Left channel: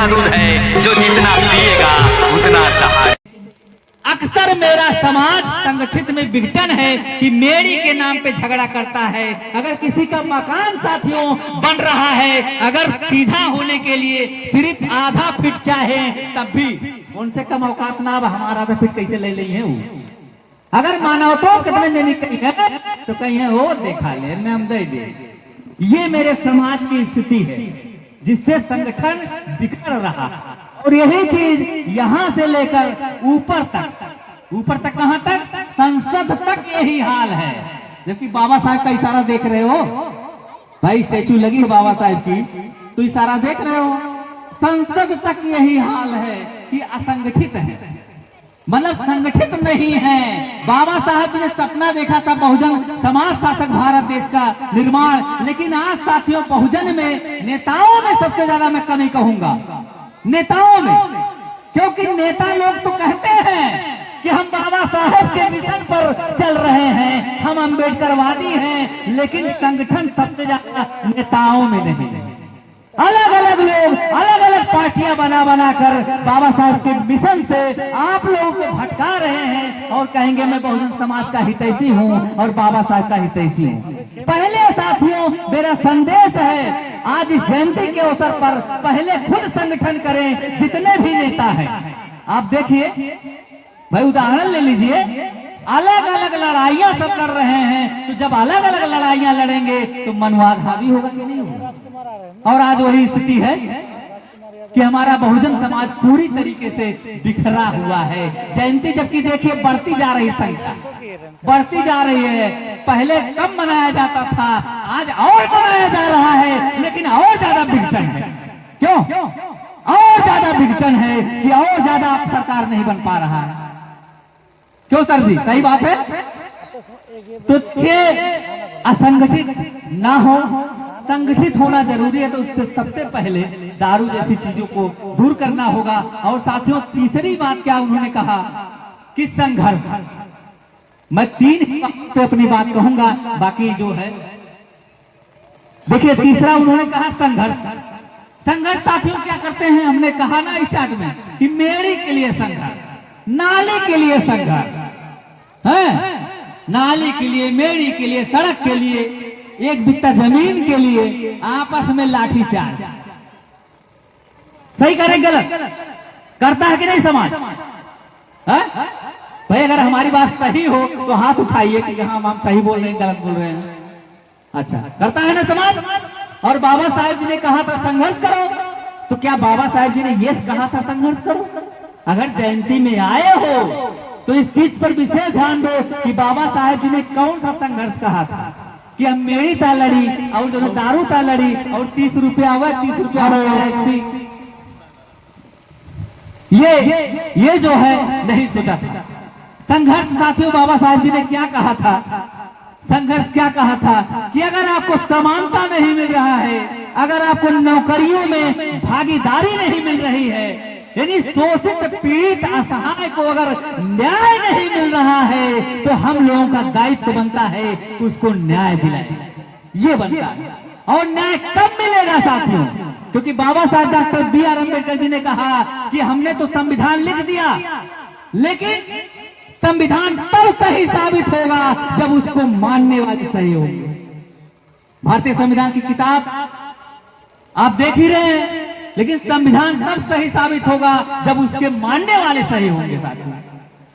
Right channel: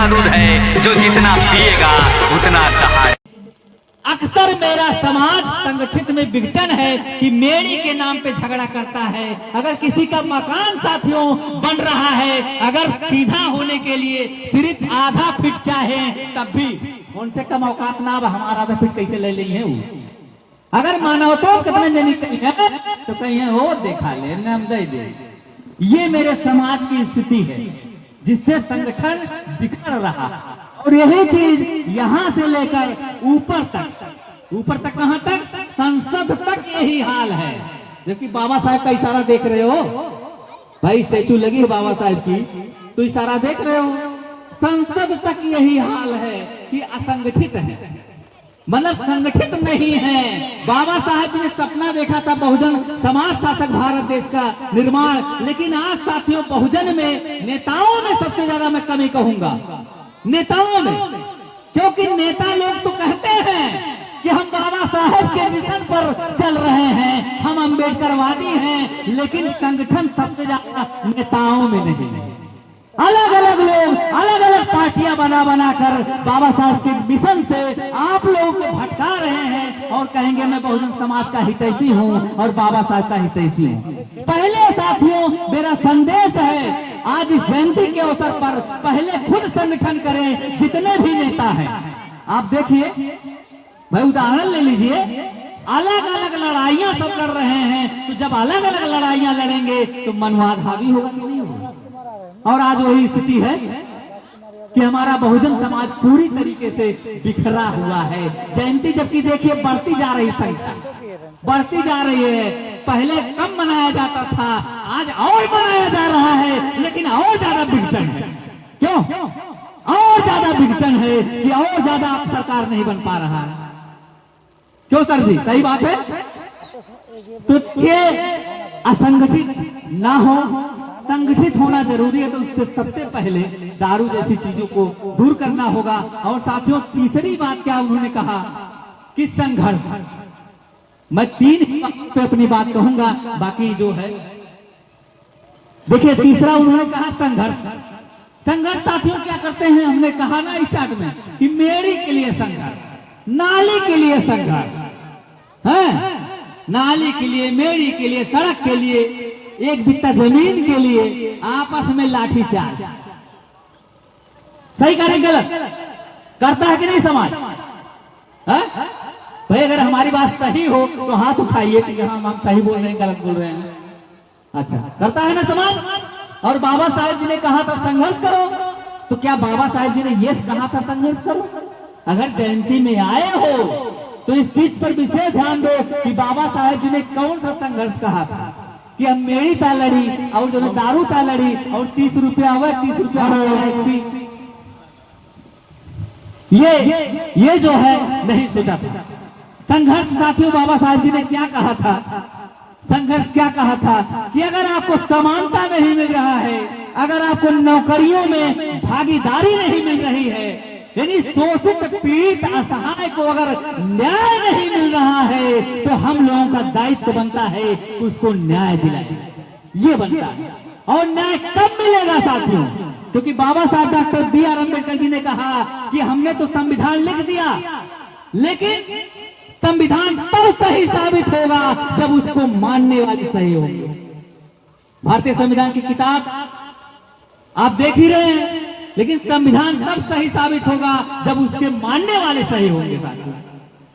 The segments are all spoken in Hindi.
का दूध है जो जितना पिएगा उतना दहाड़। अक्सर मेरा समाज संगठित में विघटन है कि मेरी के नाम पे झगड़ा करता है। अगर किसी का मकान साथियों बन रहा है, अगर सीधा होने के लिए सिर्फ आधा फीट चाहे तब भी उनसे कम औकात ना, अब हमारा आधा फीट कैसे ले लेंगे वो। अगर मानवता कितने जनी कहीं है तो कहीं है वो देखा ले नाम दे दे। ये मेरे समाज की स्थिति है जिससे संगठन बिखर रहा, और यही चीज यहां से लेकर ऊपर तक कहां तक, संसद तक यही हाल है। जबकि बाबा साहब का इशारा देख रहे हो भाई, स्टैचू लगी है बाबा साहब की तो इशारा देख रहे हो। संसद तक यही हाल है कि असंगठित है, मतलब संगठित नहीं है। बाबा साहब ने सपना देखा था बहुजन समाज शासक भारत देश का निर्माण, लेकिन आज साथियों बहुजन में, नेताओं में सबसे ज्यादा मैं कमी कहूंगा, नेताओं में। क्योंकि नेता लोग तो कहते हैं कि हम बाबा साहब के मिशन पर चल रहे हैं, हम अम्बेडकरवादी हैं, लेकिन संगठन सबसे ज्यादा नेताओं में नहीं है। अलग अलग लोग अलग अलग पार्टियां बना कर बाबा साहब के मिशन से आप लोगों को भटका रहे हैं और कहेंगे मैं बहुजन समाज का हितैषी हूं और बाबा साहब का हितैषी हूं। पहले साथियों मेरा संदेश है, आज इस जयंती के अवसर पर पहले खुद संगठन करें। जितने भी नेता हैं आप देखिए भाई, उदाहरण ले लीजिए, अलग अलग लड़ाइयां सब कर रहे हैं, तो जब अलग अलग लड़ाइयां लड़ेंगे तो मनवाद हावी होगा कि नहीं होगा। और आज वही स्थिति है कि हमारा बहुजन समाज पूरी तरीके से बिखरा हुआ है। जयंती जबकि देखिए बढ़ती जा रही, संख्या बढ़ती जा रही है। पहले कम मनाया जाता था, आज और मनाया जा रहा है, लेकिन और ज्यादा विघटन है। क्यों और ज्यादा विघटन है कि और ज्यादा सरकार नहीं बन पा रहा है। क्यों सर जी, सही बात है। तो ये असंगठित ना हो, संगठित होना जरूरी है। तो उससे सबसे पहले दारू जैसी चीजों को दूर करना होगा। और साथियों तीसरी बात क्या उन्होंने कहा कि संघर्ष। मैं 3 पे अपनी बात कहूंगा, बाकी जो है देखिए। तीसरा उन्होंने कहा संघर्ष। संघर्ष साथियों क्या करते हैं, हमने कहा ना स्टार्ट में कि मेरी के लिए संघर्ष, नाली के लिए संघर्ष है, नाली के लिए, मेरी के लिए, सड़क के लिए, एक बित्ता जमीन के लिए आपस में लाठीचार्ज। सही करे गलत करता है कि नहीं समाज है? भाई अगर हमारी बात सही हो तो हाथ उठाइए कि हाँ हम सही बोल रहे हैं, गलत बोल रहे हैं। अच्छा करता है ना समाज। और बाबा साहेब जी ने कहा था संघर्ष करो, तो क्या बाबा साहेब जी ने ये कहा था संघर्ष करो? अगर जयंती में आए हो तो इस चीज पर विशेष ध्यान दो कि बाबा साहेब जी ने कौन सा संघर्ष कहा था कि हम मेरी ता लड़ी और जो दारू ता लड़ी और 30 रुपया हुआ, 30 रुपया ये जो है नहीं सोचा था। संघर्ष साथियों बाबा साहब जी ने क्या कहा था, संघर्ष क्या कहा था कि अगर आपको समानता नहीं मिल रहा है, अगर आपको नौकरियों में भागीदारी नहीं मिल रही है, यानी शोषित पीड़ित असहाय को अगर न्याय नहीं मिल रहा है, तो हम लोगों का दायित्व बनता है कि उसको न्याय दिलाएं। ये बनता है। और न्याय कब मिलेगा साथियों? क्योंकि बाबा साहब डॉक्टर B.R. अम्बेडकर जी ने कहा कि हमने तो संविधान लिख दिया, लेकिन संविधान तब सही साबित होगा जब उसको मानने वाले सही होंगे। भारतीय संविधान की किताब आप देख ही रहे हैं, लेकिन संविधान तब सही साबित होगा जब उसके मानने वाले सही होंगे साथियों।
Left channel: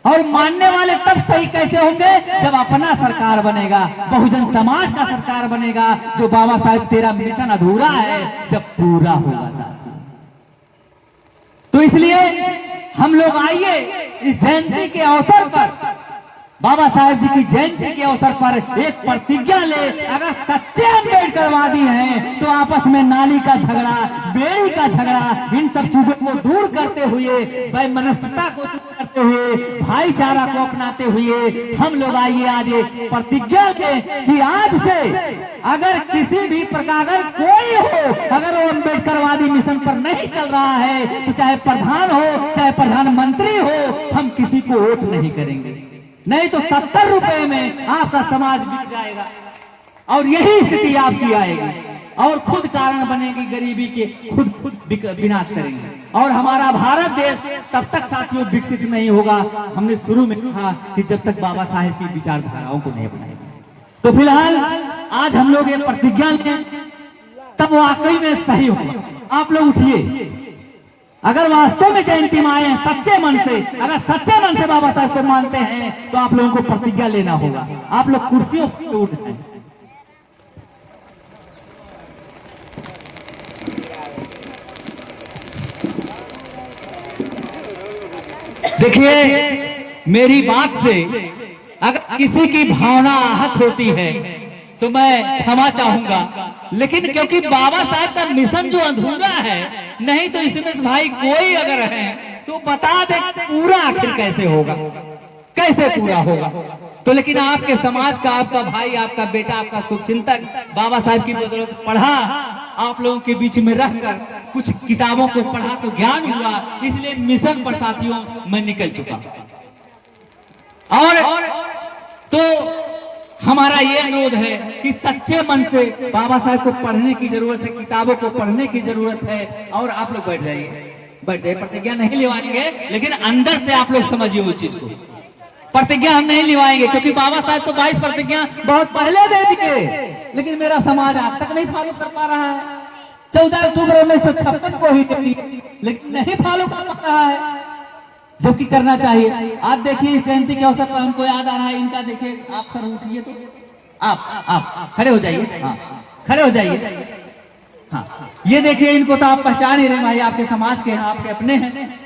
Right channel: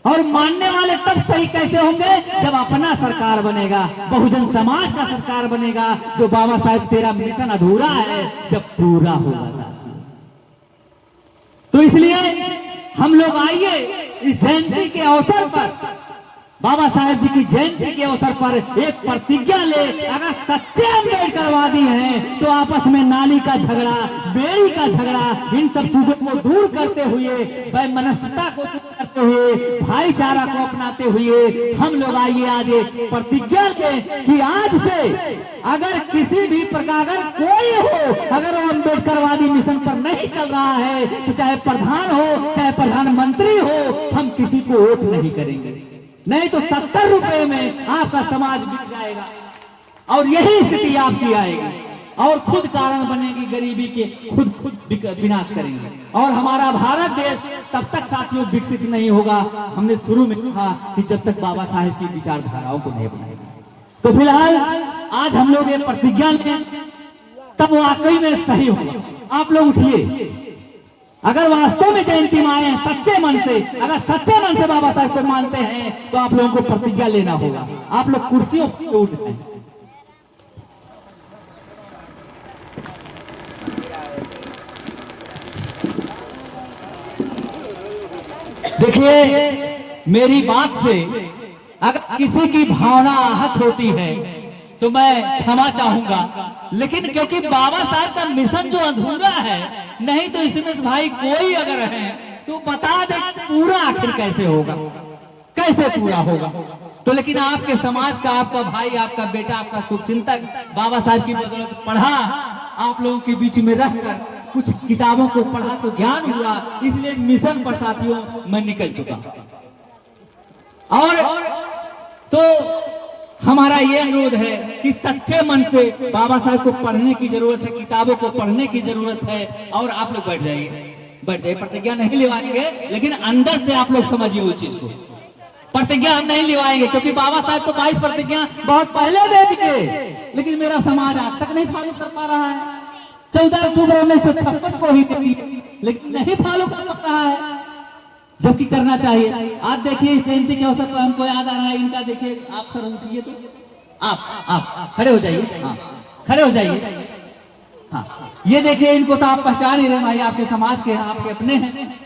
और मानने वाले तब सही कैसे होंगे? जब अपना सरकार बनेगा, बहुजन समाज का सरकार बनेगा, जो बाबा साहब तेरा मिशन अधूरा है जब पूरा होगा साथियों। तो इसलिए हम लोग आइए इस जयंती के अवसर पर, बाबा साहेब जी की जयंती के अवसर पर एक प्रतिज्ञा ले। अगर सच्चे अम्बेडकरवादी हैं तो आपस में नाली का झगड़ा, बेड़ी का झगड़ा, इन सब चीजों को दूर करते हुए, वैमनस्यता को दूर करते हुए, भाईचारा को अपनाते हुए हम लोग आइए आज प्रतिज्ञा लें कि आज से अगर किसी भी प्रकार कोई हो, अगर वो अम्बेडकरवादी मिशन पर नहीं चल रहा है, तो चाहे प्रधान हो चाहे प्रधानमंत्री हो, हम किसी को वोट नहीं करेंगे। नहीं तो 70 रुपए में आपका समाज बिक जाएगा और यही स्थिति आपकी आएगी। और खुद कारण बनेगी गरीबी के, खुद विनाश करेंगे। और हमारा भारत देश तब तक साथियों विकसित नहीं होगा, हमने शुरू में कहा कि जब तक बाबा साहेब की विचारधाराओं को नहीं अपनाएंगे। तो फिलहाल आज हम लोग ये प्रतिज्ञा लें, तब वाकई में सही होगा। आप लोग उठिए, अगर वास्तव में जयंती में आए हैं सच्चे मन से, अगर सच्चे मन से बाबा साहब को मानते हैं तो आप लोगों को प्रतिज्ञा लेना होगा। आप लोग कुर्सियों पर उठ जाएं। देखिए, मेरी बात से अगर किसी की भावना आहत होती है तो मैं क्षमा चाहूंगा, लेकिन क्योंकि बाबा साहब का मिशन जो अधूरा है, नहीं तो इसमें भाई कोई अगर है तो बता दे पूरा आखिर कैसे होगा, कैसे पूरा होगा। तो लेकिन आपके समाज का, आपका भाई, आपका बेटा, आपका शुभचिंतक बाबा साहब की बदौलत पढ़ा, आप लोगों के बीच में रहकर कुछ किताबों को पढ़ा तो ज्ञान हुआ, इसलिए मिशन पर साथियों मैं निकल चुका। और तो हमारा ये अनुरोध है कि सच्चे मन से बाबा साहब को पढ़ने की जरूरत है, किताबों को पढ़ने की जरूरत है। और आप लोग बैठ जाइए, प्रतिज्ञा नहीं लिवाएंगे, लेकिन अंदर से आप लोग समझिए उस चीज को। प्रतिज्ञा हम नहीं लिवाएंगे क्योंकि बाबा साहब तो 22 प्रतिज्ञा बहुत पहले दे दिए, लेकिन मेरा समाज आज तक नहीं फॉलो कर पा रहा है। 14 अक्टूबर 1956 को ही दी, लेकिन नहीं फॉलो कर पा रहा है, जबकि करना चाहिए। आज देखिए, इस जयंती के अवसर पर हमको याद आ रहा है इनका। देखिए, आप सर उठिए, तो आप खड़े हो जाइए। हाँ, खड़े हो जाइए। हाँ, ये देखिए, इनको तो आप पहचान ही रहे भाई, आपके समाज के हैं, आपके अपने हैं।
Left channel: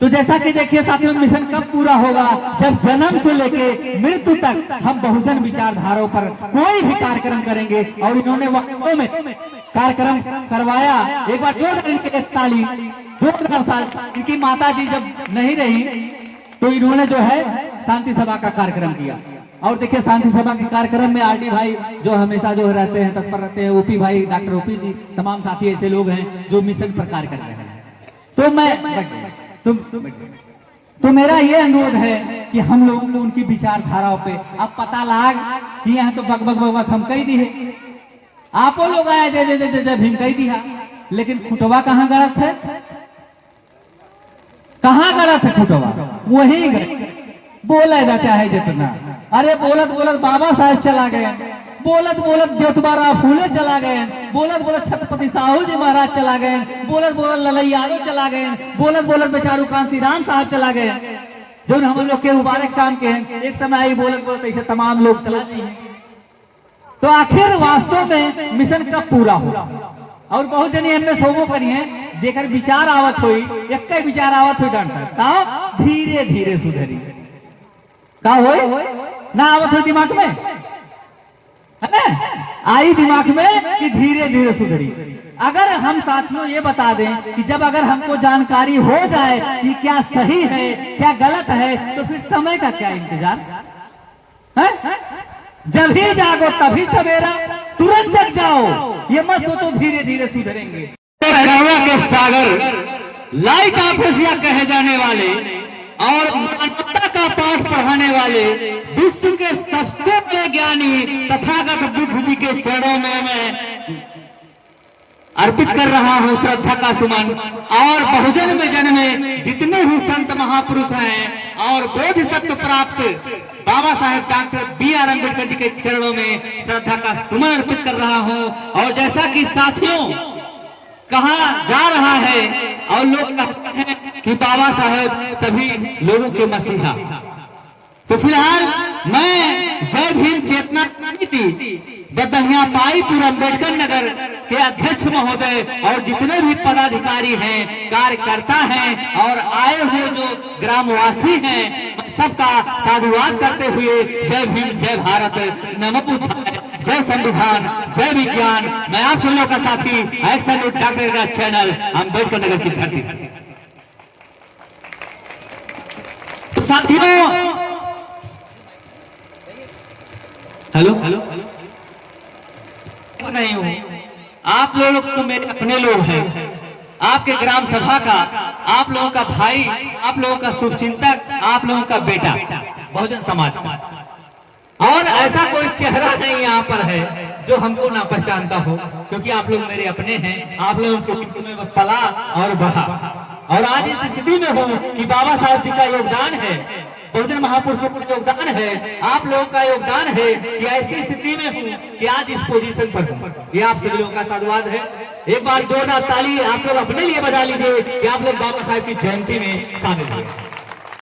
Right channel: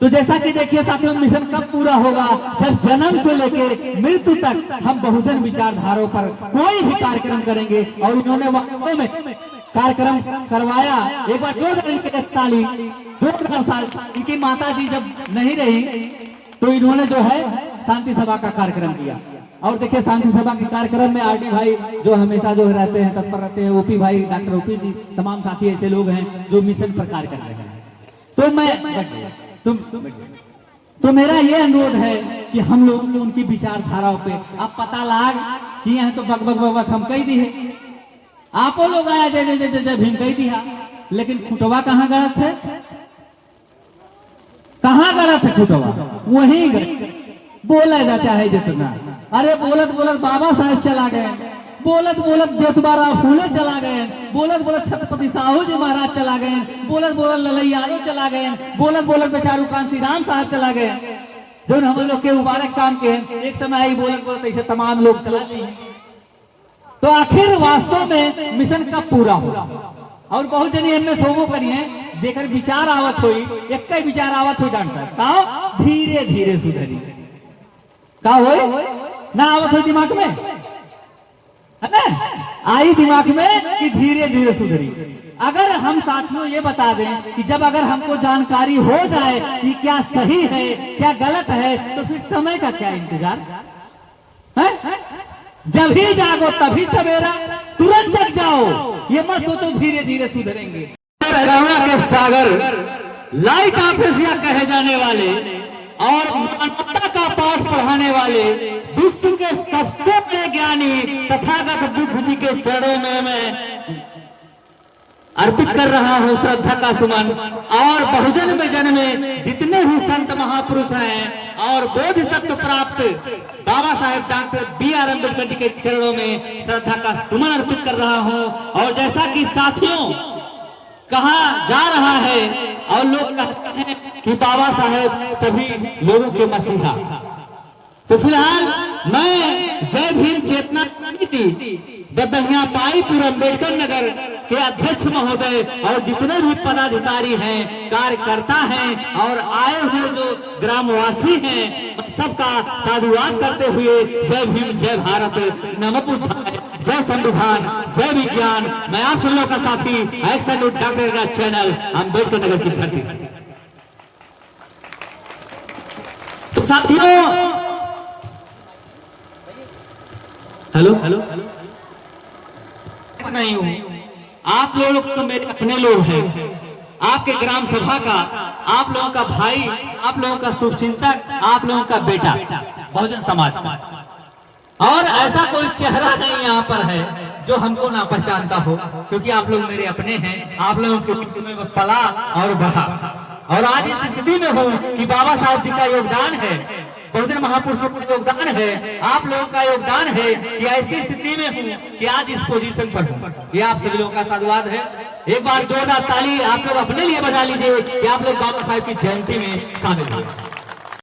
तो जैसा कि देखिए साथियों, मिशन कब पूरा होगा? जब जन्म से लेके मृत्यु तक हम बहुजन विचारधाराओं पर कोई भी कार्यक्रम करेंगे। और इन्होंने वास्तव में कार्यक्रम करवाया। एक बार जोरदार इनके ताली। 2 साल इनकी माता जी जब नहीं रही तो इन्होंने जो है शांति सभा का कार्यक्रम किया। और देखिए, शांति सभा के कार्यक्रम में आरडी भाई जो हमेशा जो रहते हैं, तत्पर रहते हैं, ओपी भाई, डॉक्टर ओपी जी, तमाम साथी ऐसे लोग हैं जो मिशन पर कार्य कर रहे हैं। तो मैं तो मेरा ये अनुरोध है कि हम लोगों को उनकी विचारधाराओं पे अब पता लाग कि यहाँ तो बक हम कही दी है, आप लोग आए जय भीम कही दिया, लेकिन खुटवा कहाँ गलत है? कहाँ गलत है खुटवा? वही बोला जा चाहे जितना। अरे बोलत बोलत बाबा साहब चला गए, बोलत बोलत ज्योतिबा फूले चला गए, बोलत बोलत छत्रपति साहू जी महाराज चला गए, बोलत बोलत ललई यादव चला गए, बोलत बोलत बेचारू कांसी राम साहब चला गए, जो हम लोग के मुबारक काम के एक समय आई बोलत बोलत ऐसे तमाम लोग चला गए। तो आखिर वास्तव में मिशन कब पूरा होगा? और बहुत जनी हमने सोमो करी है, जेकर विचार आवत हुई, एक विचार आवत हुई डॉक्टर धीरे धीरे सुधरी का हो ना आवत हुई दिमाग में, है ना? आई दिमाग में कि धीरे धीरे सुधरी। अगर हम साथियों ये बता दें कि जब अगर हमको जानकारी हो जाए कि क्या सही है क्या गलत है, तो फिर समय का क्या इंतजार है? जब ही जागो तभी सवेरा, तुरंत जग जाओ, ये मत सोचो धीरे धीरे सुधरेंगे। करुणा के सागर, लाइट ऑफिसिया कहे जाने वाले और मानवता का पाठ पढ़ाने वाले विश्व के सबसे बड़े ज्ञानी तथागत बुद्ध जी के चरणों में मैं अर्पित कर रहा हूं श्रद्धा का सुमन। और बहुजन में जन्मे जितने भी संत महापुरुष हैं और बोधिसत्व प्राप्त बाबा साहेब डॉक्टर B.R. अम्बेडकर जी के चरणों में श्रद्धा का सुमन अर्पित कर रहा हूं। और जैसा कि साथियों कहा जा रहा है और लोग कहते हैं कि बाबा साहेब सभी लोगों के मसीहा, तो फिलहाल मैं जय भीम चेतना समिति बदहिया पाईपुर अम्बेडकर नगर के अध्यक्ष महोदय और जितने भी पदाधिकारी हैं, कार्यकर्ता हैं और आए हुए जो ग्रामवासी हैं, सबका साधुवाद करते हुए जय भीम, जय भारत, नमो बुद्धाय, जय संविधान, जय विज्ञान। मैं आप सब लोगों का साथी एक्शन डॉक्टर का चैनल अम्बेडकर नगर की धरती से। तो साथियों, हेलो नहीं हूं, आप लोग तो मेरे अपने लोग हैं, आपके ग्राम सभा का, आप लोगों का भाई, आप लोगों का शुभचिंतक, आप लोगों का बेटा बहुजन समाज का। और ऐसा कोई चेहरा नहीं यहाँ पर है जो हमको ना पहचानता हो, क्योंकि आप लोग मेरे अपने हैं। आप लोगों के बीच में मैं पला और बढ़ा, और आज इस स्थिति में हूँ कि बाबा साहब जी का योगदान है, बहुजन महापुरुषों का योगदान है, आप लोगों का योगदान है कि ऐसी स्थिति में हूँ कि आज इस पोजीशन पर हूँ। ये आप सभी लोगों का साधुवाद है। एक बार जोरदार ताली आप लोग अपने लिए बजा लीजिए कि आप लोग बाबा साहब की जयंती में शामिल हुए।